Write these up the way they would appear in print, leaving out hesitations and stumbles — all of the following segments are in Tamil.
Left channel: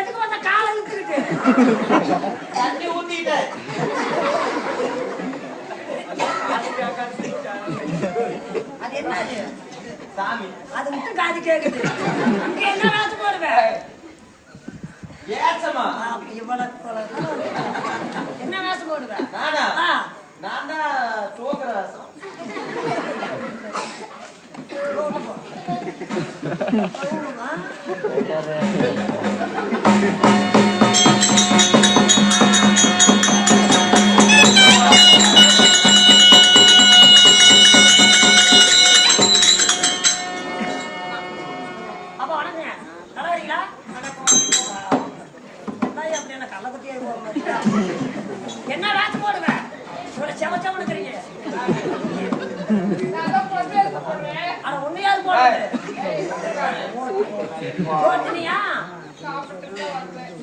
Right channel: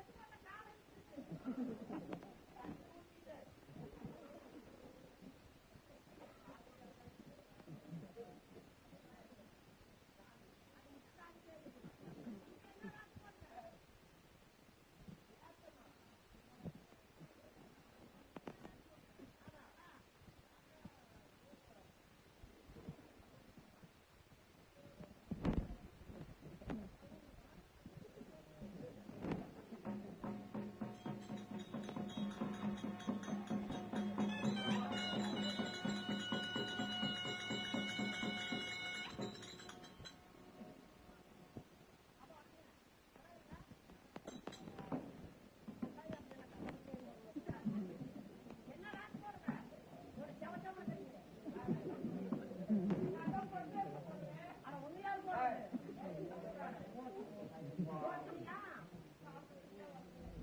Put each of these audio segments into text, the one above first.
எதுக்கு வந்த கால இழுத்துருக்கு தண்ணி ஊத்திட்டேன். அது என்னது சாமி அது மட்டும் காது கேக்குது. இங்க என்ன ராசு போடுவேன் ஏசமா என்ன வேஷம் போடுவேன் நானா நான் தான் சோகராசம். அப்ப வணக்கங்க நல்லா இருக்கீங்களா? என்ன வேஷம் போடுவேன் செவ செவனுக்குறீங்க. ஆனா உண்மையாவது போடுறது போட்டுனியா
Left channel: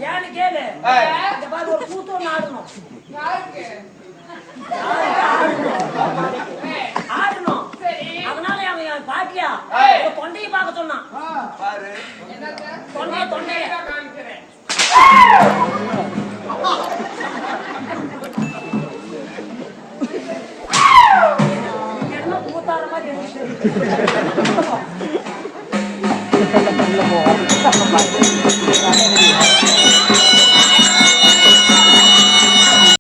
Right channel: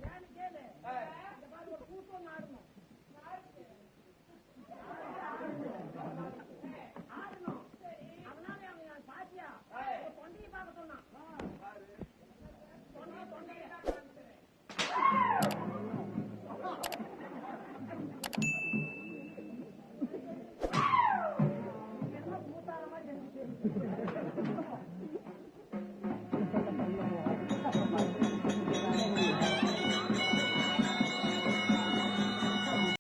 ஏன்னு கேளு. இந்த மாதிரி ஒரு கூத்து ஒண்ணு ஆடணும் ஆடணும். அதனால அவன் பாட்டியா தொண்டையை பார்க்க சொன்னான். தொண்டைய என்ன கூத்தார மாதிரி